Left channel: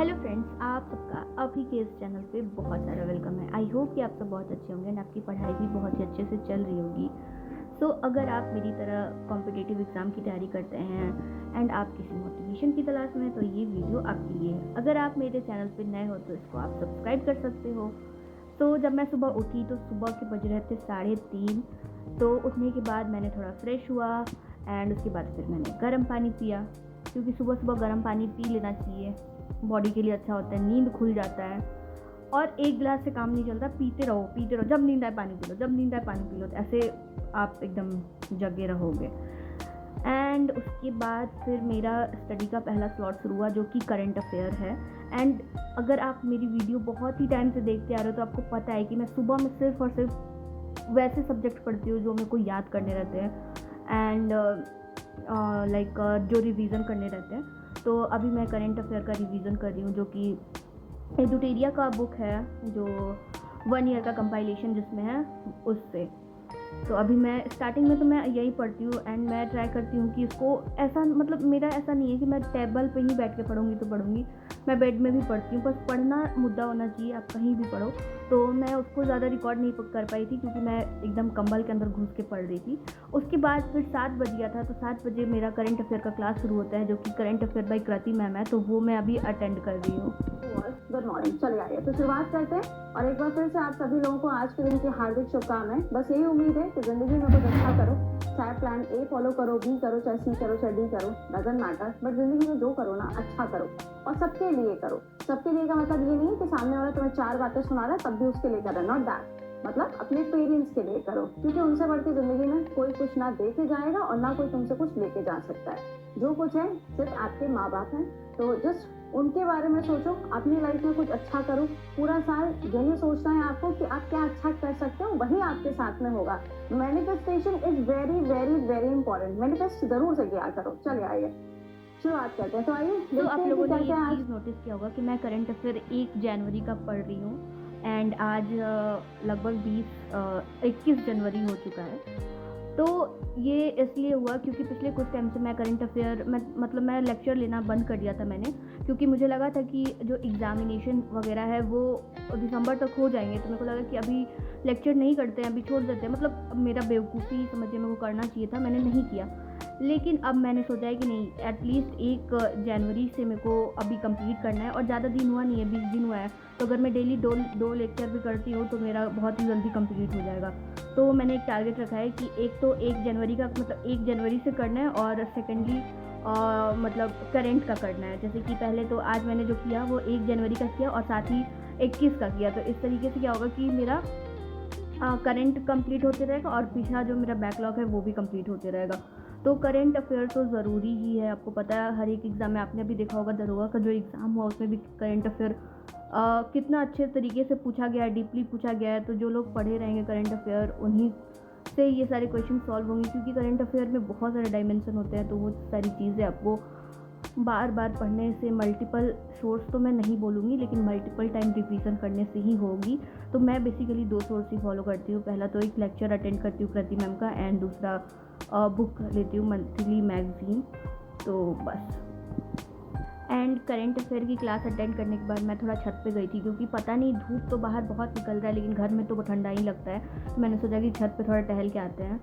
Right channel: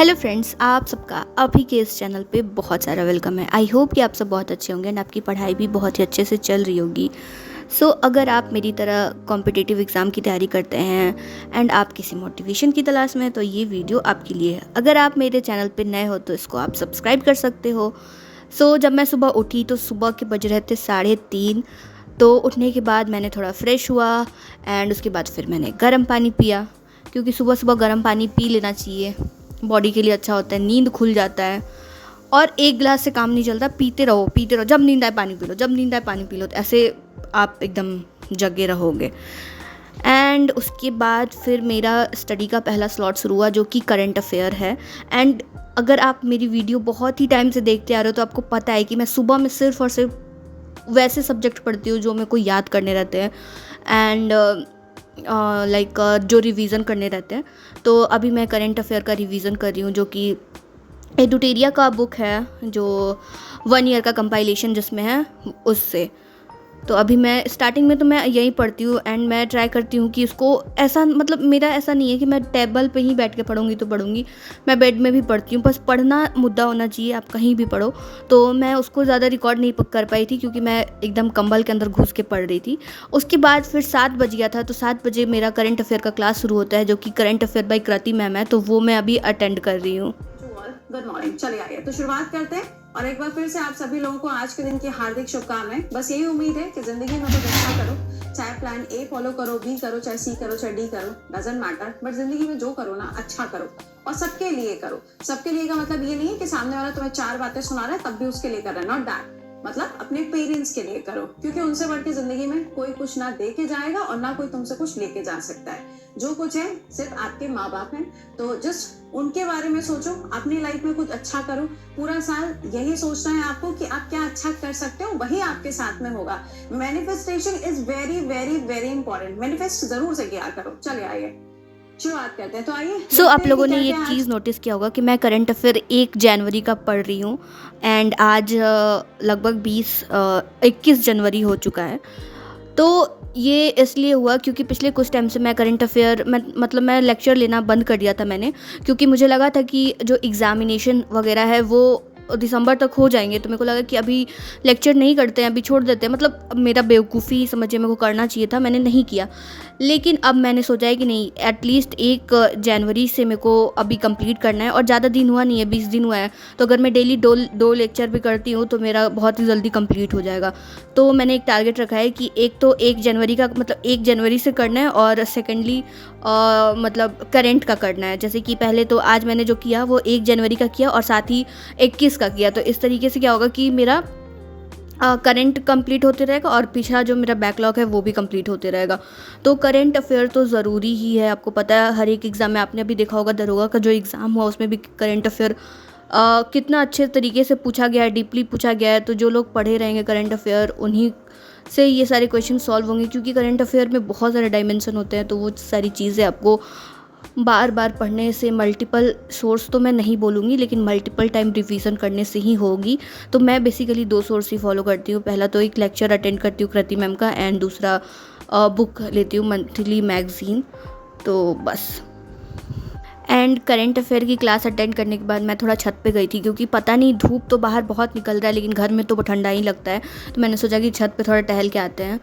Hello friends, आप सबका अभी के इस चैनल पे बहुत सारा वेलकम है। आई होप कि आप सब बहुत अच्छे होंगे एंड आपकी पढ़ाई भी बहुत ही अच्छे से चल रही होगी। अगर आप मेरी तरह कॉम्पिटिटिव एग्ज़ाम की तैयारी करते हैं एंड आप किसी मोटिवेशन की तलाश में हैं तो ये वीडियो आपके लिए है। अगर आप मेरे चैनल पे नए हो तो इसको आप सब्सक्राइब कर सकते हो। जब मैं सुबह उठी तो सुबह के बज रहे थे 3:30। तो उठने के बाद मैंने थोड़ा फ्रेश हुआ एंड उसके बाद फिर मैंने गर्म पानी पिया, क्योंकि सुबह सुबह गर्म पानी पी लेना चाहिए, बॉडी के लिए अच्छा होता है, नींद खुल जाता है। और एक गिलास से काम नहीं चलता, पीते रहो पीते रहो, जब नींद आए पानी पी लो, जब नींद आए पानी पी लो, तो ऐसे आप एकदम जगे रहोगे। एंड उसके बाद फिर मेरा स्टडी का पहला स्लॉट शुरू हुआ, जो कि करंट अफेयर है। एंड अगर आप मेरी वीडियो बहुत ही टाइम से देखते आ रहे हो तो आपको पता है कि मैं सुबह में सिर्फ और सिर्फ वैसे सब्जेक्ट पढ़ती हूँ जो मेरे को याद करने रहते हैं एंड जो रिवीजन करने रहते हैं। तो अभी मैं करंट अफेयर का रिवीजन कर रही हूँ, जो कि एडुटेरिया का बुक है, जो 1 ईयर का कंपाइलेशन जिसमें है, उससे। तो अभी मैं स्टार्टिंग में तो मैं यही पढ़ती हूँ एंड मैं ट्राई करती हूँ कि उसको ऐसा, मतलब मेरा ऐसा नहीं है कि मैं टेबल पे ही बैठ के पढ़ूँगी तो पढ़ूँगी, मैं बेड में भी पढ़ती हूँ, बस पढ़ना मुद्दा होना चाहिए, आप कहीं भी पढ़ो। तो मैं उसको ज़्यादा रिकॉर्ड नहीं कर पाई थी, क्योंकि मैं एकदम कंबल के अंदर घुस के पढ़ रही थी। उसके बाद फिर 7 बज गया था, तो 7 बजे मेरा करंट अफेयर का क्लास शुरू होता है, जो कि करंट अफेयर बाय कृति मैम है, तो वो मैं अभी अटेंड कर रही हूँ। Good morning. चलिए आइए तो शुरुआत करते हैं, और एक बार फिर से आप सभी लोगों को आज के दिन की हार्दिक शुभकामनाएं। बस यही उम्मीद है कि जिंदगी में कुछ अच्छा करो, चाहे प्लान ए फॉलो करो, बी करो, चाहे सी करो, चाहे डी करो, डजंट मैटर, बट जिंदगी में जो करो ना अच्छा करो और सबके लिए करो। सबके लिए का मतलब ये नहीं है कि सामने वाला तुम्हें 4 बातें सुना रहा है तब भी उसके लिए कर रहा है, नॉट दैट। मतलब अपने पेरेंट्स के लिए करो, क्योंकि उनसे बढ़ के जिंदगी में कोई कुछ ना दे के जाएगा और ना कोई तुमसे कुछ लेके जा सकता है। जो कुछ है सिर्फ आपके माँ बाप हैं, तो जस्ट उनके बारे में सोचो, अपनी लाइफ में कुछ अच्छा करो। पूरा साल यही सोचना है आपको कि आप क्या अच्छा कर सकते हो, वही आपके साथ में होगा। Manifestation is very very very important. Manifest जरूर से किया करो। चलिए आइए शुरुआत करते हैं। तो आइए आप लोगों ने ये चीज़ नोटिस किया होगा कि मैं करंट अफेयर 1 जनवरी का पढ़ रही हूँ एंड आज लगभग 21 जनवरी हो चुका है। तो ये इसलिए हुआ क्योंकि पिछले कुछ टाइम से मैं करंट अफेयर मतलब मैं लेक्चर लेना बंद कर दिया था मैंने, क्योंकि मुझे लगा था कि जो एग्ज़ामिनेशन वगैरह है वो दिसंबर तक हो जाएंगे, तो मेरे को लगा कि अभी लेक्चर नहीं करते हैं, अभी छोड़ देते हैं। मतलब मेरा बेवकूफ़ी समझिए, मेरे को करना चाहिए था, मैंने नहीं किया। लेकिन अब मैंने सोचा है कि नहीं, एटलीस्ट 1 जनवरी से मेरे को अभी कंप्लीट करना है, और ज़्यादा दिन हुआ नहीं है, 20 दिन हुआ है। तो अगर मैं डेली दो लेक्चर भी करती हूँ तो मेरा बहुत ही जल्दी कंप्लीट हो जाएगा। तो मैंने एक टारगेट रखा है कि एक तो 1 जनवरी का, मतलब 1 जनवरी से करना है, और सेकेंडली मतलब करंट का करना है। जैसे कि पहले तो आज मैंने जो किया वो 1 जनवरी का किया और साथ ही 21 का किया। तो इस तरीके से क्या होगा कि मेरा करंट कंप्लीट होते रहेगा और पिछला जो मेरा बैकलॉग है वो भी कंप्लीट होते रहेगा। तो करंट अफेयर तो ज़रूरी ही है, आपको पता है हर एक एग्ज़ाम में, आपने अभी देखा होगा दरोगा का जो एग्ज़ाम हुआ उसमें भी करंट अफेयर कितना अच्छे तरीके से पूछा गया है, डीपली पूछा गया है। तो जो लोग पढ़े रहेंगे करंट अफेयर, उन्हीं से ये सारे क्वेश्चन सॉल्व होंगे, क्योंकि करंट अफेयर में बहुत सारे डायमेंशन होते हैं। तो वो सारी चीज़ें आपको बार बार पढ़ने से, मल्टीपल सोर्स तो मैं नहीं बोलूँगी, लेकिन मल्टीपल टाइम रिवीजन करने से ही होगी। तो मैं बेसिकली 2 सोर्स ही फॉलो करती हूँ। पहला तो एक लेक्चर अटेंड करती हूँ कृति मैम का, एंड दूसरा बुक लेती हूँ, मंथली मैगज़ीन। तो बस। एंड करंट अफेयर की क्लास अटेंड करने के बाद मैं थोड़ा छत पे गई थी, क्योंकि पता नहीं, धूप तो बाहर बहुत निकल रहा है लेकिन घर में तो ठंडा ही लगता है। तो मैंने सोचा कि छत पे थोड़ा टहल के आते हैं,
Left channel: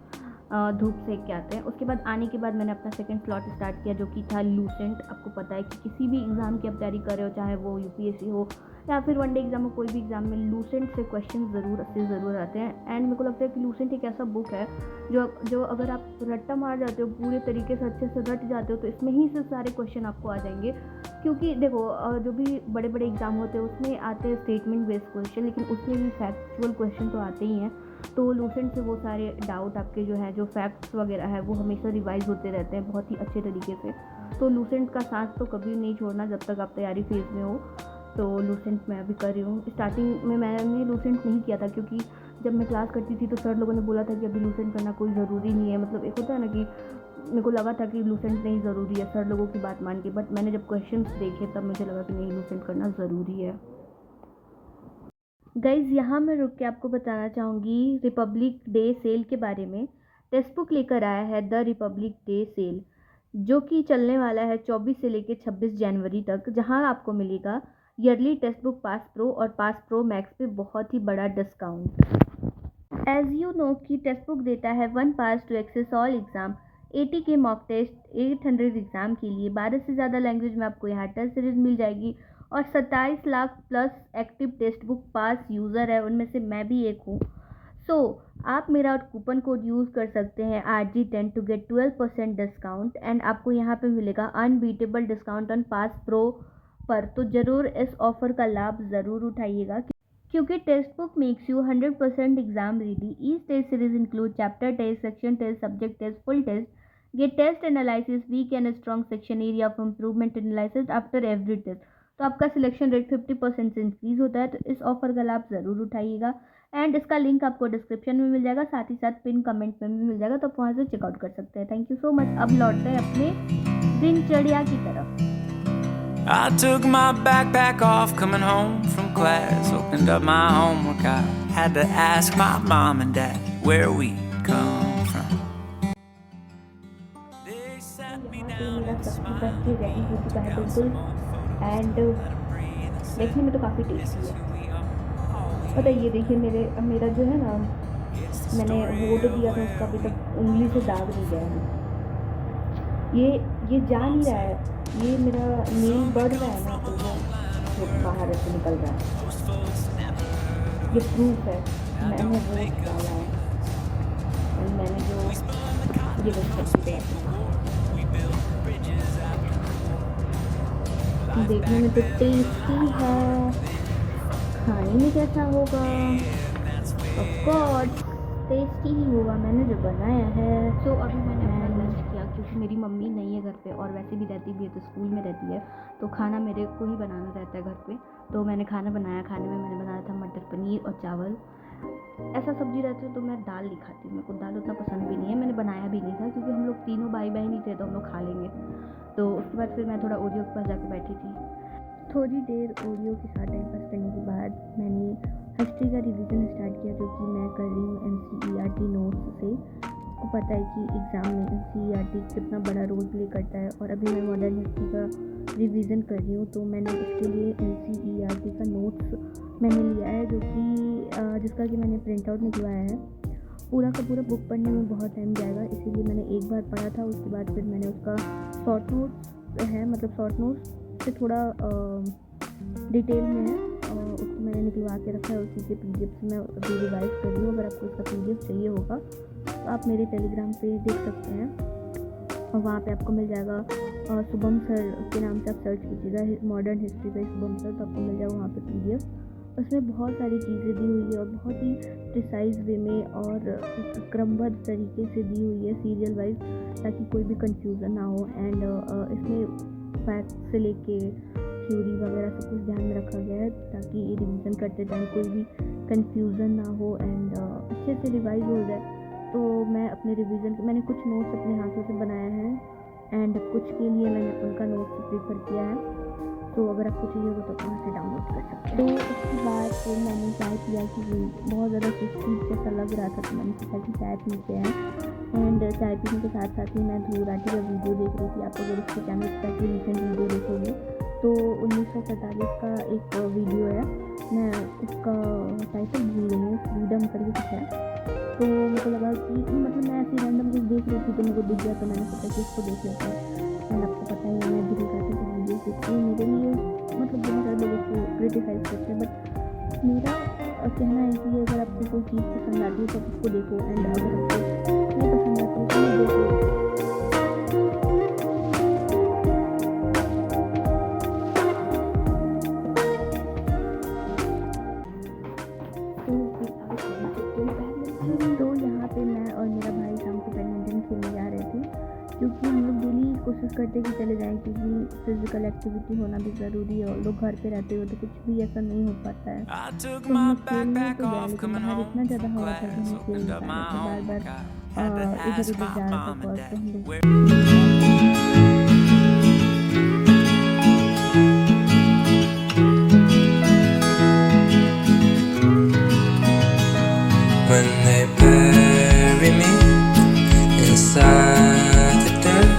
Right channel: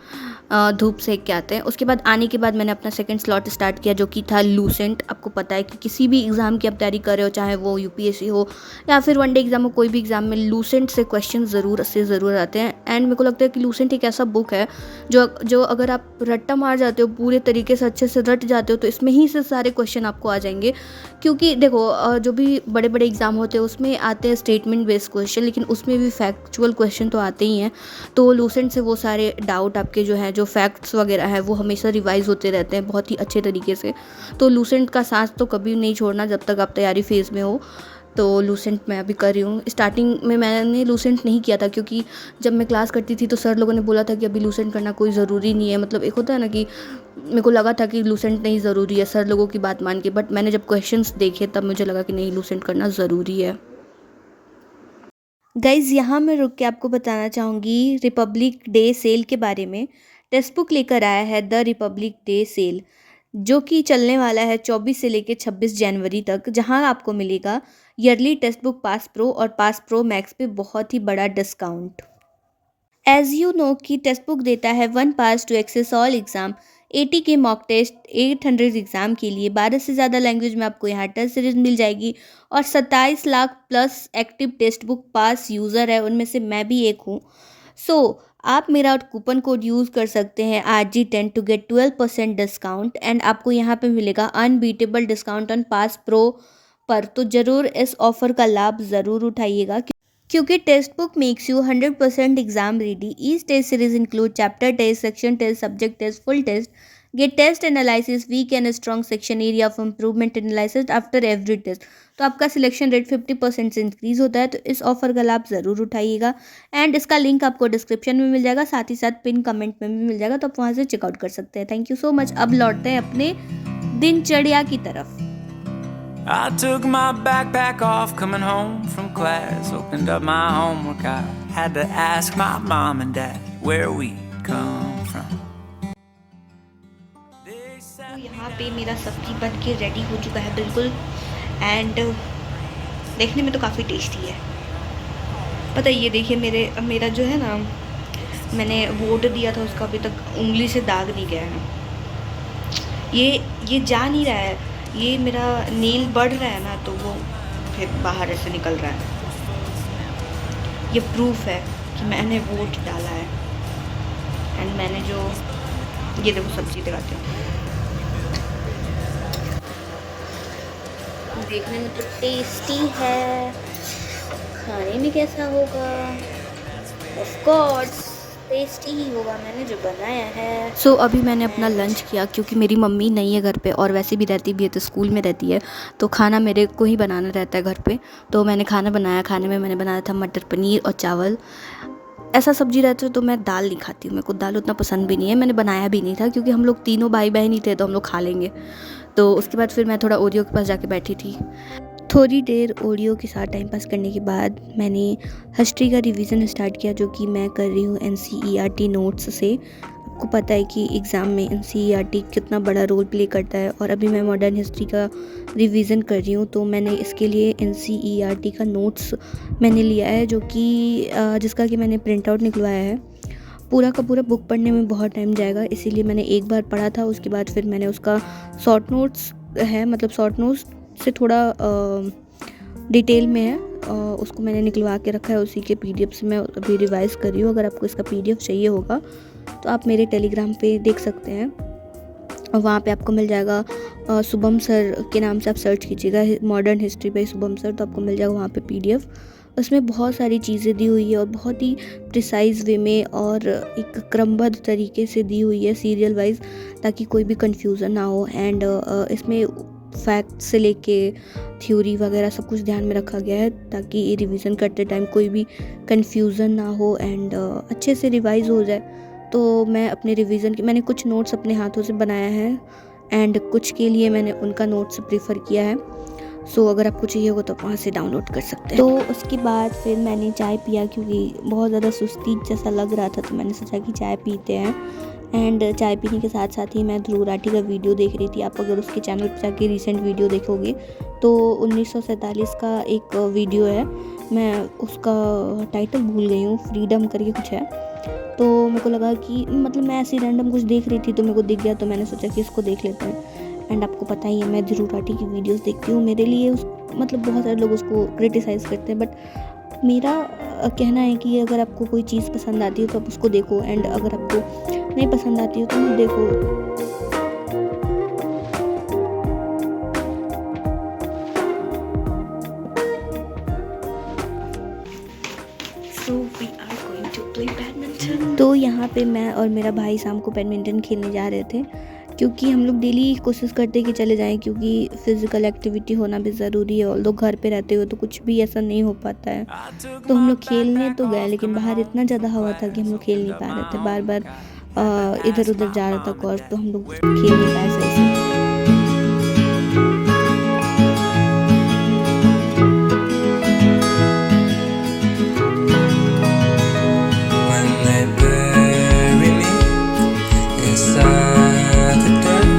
धूप सेक के आते हैं। उसके बाद आने के बाद मैंने अपना सेकंड स्लॉट स्टार्ट किया, जो कि था लूसेंट। आपको पता है कि किसी भी एग्ज़ाम की आप तैयारी कर रहे हो, चाहे वो यूपीएससी हो या फिर वनडे एग्जाम हो, कोई भी एग्ज़ाम में लूसेंट से क्वेश्चन ज़रूर आते हैं। एंड मेरे को लगता है कि लूसेंट एक ऐसा बुक है जो अगर आप रट्टा मार जाते हो, पूरे तरीके से अच्छे से रट जाते हो, तो इसमें ही से सारे क्वेश्चन आपको आ जाएंगे। क्योंकि देखो जो भी बड़े बड़े एग्ज़ाम होते हैं उसमें आते हैं स्टेटमेंट बेस्ड क्वेश्चन, लेकिन उसमें भी फैक्चुअल क्वेश्चन तो आते ही हैं। तो लूसेंट से वो सारे डाउट आपके जो हैं, जो फैक्ट्स वगैरह है, वो हमेशा रिवाइज होते रहते हैं बहुत ही अच्छे तरीके से। तो लूसेंट का सांस तो कभी नहीं छोड़ना जब तक आप तैयारी फेज़ में हो। तो लूसेंट मैं अभी कर रही हूँ। स्टार्टिंग में मैंने लूसेंट नहीं किया था, क्योंकि जब मैं क्लास करती थी तो सर लोगों ने बोला था कि अभी लूसेंट करना कोई ज़रूरी नहीं है। मतलब एक होता है ना कि मेरे को लगा था कि लूसेंट नहीं ज़रूरी है सर लोगों की बात मान के, बट मैंने जब क्वेश्चंस देखे तब मुझे लगा कि नहीं, लूसेंट करना ज़रूरी है। गाइज़, यहाँ मैं रुक के आपको बताना चाहूँगी रिपब्लिक डे सेल के बारे में। टेक्स्ट बुक लेकर आया है द रिपब्लिक डे सेल। जो कि चलने वाला है 24 से लेके 26 जनवरी तक, जहां आपको मिलेगा yearly text book pass pro और पास प्रो मैक्स पे बहुत ही बड़ा डिस्काउंट। एज यू नो कि टेक्स्ट बुक देता है 1 पास टू एक्सेस ऑल एग्ज़ाम, 80 के मॉक टेस्ट, 800 एग्ज़ाम के लिए 12 से ज़्यादा लैंग्वेज में आपको यहाँ टेस्ट सीरीज मिल जाएगी और 27 lakh plus active text book pass user है, उनमें से मैं भी एक हूँ। सो आप मेरा कूपन कोड यूज़ कर सकते हैं RG10 to get 12% discount and आपको यहाँ पे मिलेगा unbeatable discount on pass pro पर। तो ज़रूर इस ऑफ़र का लाभ ज़रूर उठाइएगा क्योंकि text book makes you 100% exam ready. Each test series include chapter test, section test, subject test, full test, get test analysis, weak and strong section area of improvement analysis after every test. तो आपका selection rate 50% से increase होता है, तो इस offer का लाभ ज़रूर उठाइएगा एंड इसका लिंक आपको डिस्क्रिप्शन में मिल जाएगा, साथ ही साथ पिन कमेंट में भी मिल जाएगा, तो आप वहाँ से चेकआउट कर सकते हैं। Thank you so much. अब लौटते हैं अपने दिनचर्या की तरफ। I took my backpack off coming home from class, opened up my homework. I had to ask my mom and dad where we come from. तो यहाँ पे मेरा सब्जी बन के रेडी हो चुका है बिल्कुल एंड देखने में तो काफ़ी टेस्टी है। पता है ये देखिए मेरा जो है ना, मैंने वोट दिया था उसका अभी तक उंगली से दाग नहीं गया है। ये जा नहीं रहा है, ये मेरा नेल बढ़ रहा है ना, तो वो फिर बाहर ऐसे निकल रहा है। ये प्रूफ है कि मैंने वोट डाला है एंड मैंने जो ये देखो सब्जी दिखाती हूँ, देखने में तो टेस्टी है, खाने में कैसा होगा? ऑफ कोर्स टेस्टी ही होगा, मैंने जो बनाया है। सो अभी मैंने अपना लंच किया क्योंकि मेरी मम्मी नहीं है घर पे और वैसे भी रहती भी है तो स्कूल में रहती है, तो खाना मेरे को ही बनाना रहता है घर पे। तो मैंने खाना बनाया, खाने में मैंने बनाया था मटर पनीर और चावल। ऐसा सब्जी रहता है तो मैं दाल नहीं खाती हूँ, मेरे को दाल उतना पसंद भी नहीं है, मैंने बनाया भी नहीं था क्योंकि हम लोग तीनों भाई बहन ही थे तो हम लोग खा लेंगे। तो उसके बाद फिर मैं थोड़ा ओरियो के पास जाके बैठी थी। थोड़ी देर ओरियो के साथ टाइम पास करने के बाद मैंने हिस्ट्री का रिवीजन स्टार्ट किया, जो कि मैं कर रही हूँ NCERT नोट्स से। आपको पता है कि एग्ज़ाम में NCERT कितना बड़ा रोल प्ले करता है और अभी मैं मॉडर्न हिस्ट्री का रिवीजन कर रही हूँ, तो मैंने इसके लिए NCERT का नोट्स मैंने लिया है, जो कि जिसका कि मैंने प्रिंट आउट निकलवाया है। पूरा का पूरा बुक पढ़ने में बहुत टाइम जाएगा, इसीलिए मैंने एक बार पढ़ा था, उसके बाद फिर मैंने उसका शॉर्ट नोट्स है, मतलब शॉर्ट नोट्स से थोड़ा डिटेल में है, उसको मैंने निकलवा के रखा है, उसी के PDF से मैं अभी रिवाइज़ कर रही हूँ। अगर आपको इसका PDF चाहिए होगा तो आप मेरे टेलीग्राम पे देख सकते हैं, और वहाँ पे आपको मिल जाएगा। शुभम सर के नाम से आप सर्च कीजिएगा मॉडर्न हिस्ट्री पे शुभम सर, तो आपको मिल जाएगा वहाँ पे PDF। उसमें बहुत सारी चीज़ें दी हुई है और बहुत ही प्रिसाइज वे में और एक क्रमबद्ध तरीके से दी हुई है सीरियल वाइज, ताकि कोई भी कन्फ्यूज़न ना हो। एंड इसमें फैक्ट से लेके थ्योरी वगैरह सब कुछ ध्यान में रखा गया है, ताकि रिवीजन करते टाइम कोई भी कन्फ्यूज़न ना हो एंड अच्छे से रिवाइज़ हो जाए। तो मैं अपने रिवीजन के मैंने कुछ नोट्स अपने हाथों से बनाया है एंड कुछ के लिए मैंने उनका नोट्स प्रीफर किया है। सो अगर आपको चाहिए होगा तो आप वहाँ से डाउनलोड कर सकते हैं। तो उसके बाद फिर मैंने चाय पिया, क्योंकि बहुत ज़्यादा सुस्ती जैसा लग रहा था, तो मैंने सोचा कि चाय पीते हैं। एंड चाय पीने के साथ साथ ही मैं ध्रुव राठी का वीडियो देख रही थी। आप अगर उसके चैनल पर जाके रिसेंट वीडियो देखोगे तो 1947 का एक वीडियो है, मैं उसका टाइटल भूल गई हूँ, फ्रीडम करके कुछ है। तो मेरे को लगा कि मतलब मैं ऐसी रैंडम कुछ देख रही थी तो मेरे को दिख गया, तो मैंने सोचा कि इसको देख लेते हैं। एंड आपको पता ही है मैं ध्रुव राठी की वीडियोस देखती हूँ, मेरे लिए मतलब बहुत सारे लोग उसको क्रिटिसाइज़ करते हैं, बट मेरा कहना है कि अगर आपको कोई चीज़ पसंद आती है तो आप उसको देखो, एंड अगर आपको नहीं पसंद आती है तो मत देखो। तो यहाँ पे मैं और मेरा भाई शाम को बैडमिंटन खेलने जा रहे थे, क्योंकि हम लोग डेली कोशिश करते कि चले जाएं, क्योंकि फिज़िकल एक्टिविटी होना भी ज़रूरी है। और लोग घर पे रहते हुए तो कुछ भी ऐसा नहीं हो पाता है, तो हम लोग खेलने तो गए, लेकिन बाहर इतना ज़्यादा हवा था कि हम लोग खेल नहीं पा रहे थे, बार बार इधर उधर जा रहा था कोर्ट, तो हम लोग खेल नहीं पाए। When they bury me inside the dirt,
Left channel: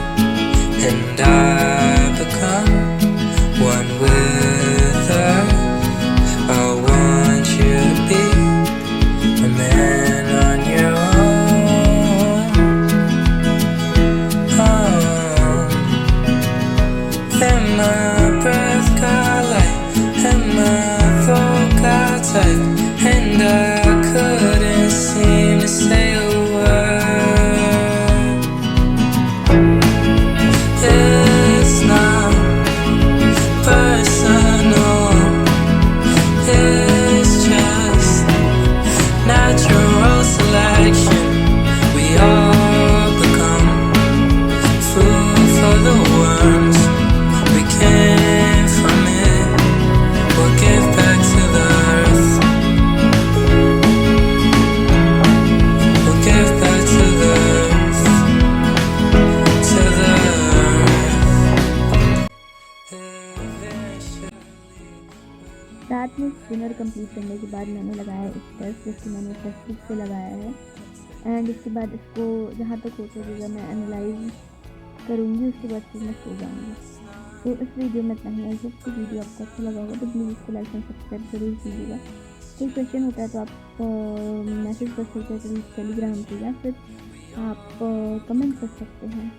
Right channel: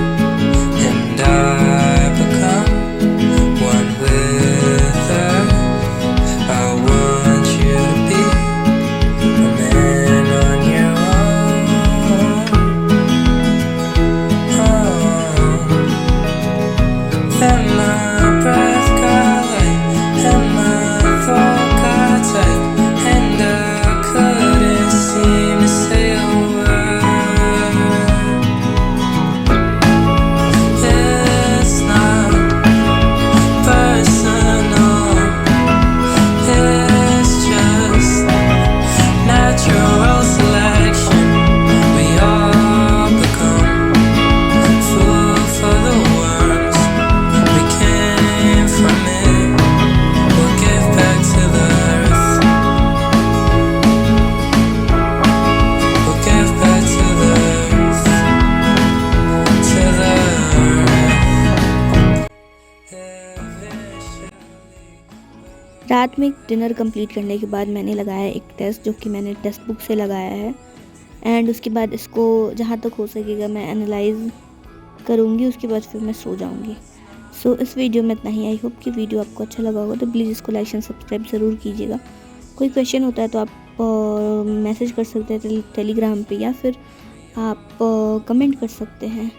रात में डिनर कंप्लीट करने के बाद मैंने लगाया एक टेस्ट, जो कि मैंने टेक्स्ट बुक से लगाया है। एंड उसके बाद इसको जहाँ तक हो सकेगा मैं एनालाइज करूँगी, उसके बाद फिर मैं सो जाऊँगी। सो इस वीडियो में इतना ही। आई होप कि वीडियो आपको अच्छा लगा होगा, तो प्लीज़ इसको लाइक एंड सब्सक्राइब ज़रूर कीजिएगा। कोई क्वेश्चन होता है तो आप मैसेज कर सकते हैं टेलीग्राम पे, या फिर आप कमेंट कर सकते हैं।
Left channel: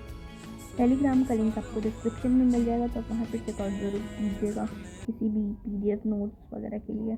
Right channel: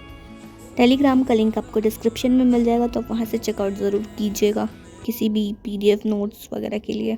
टेलीग्राम का लिंक आपको डिस्क्रिप्शन में मिल जाएगा, तो आप वहाँ से चेकआउट ज़रूर कीजिएगा किसी भी PDF नोट्स वगैरह के लिए।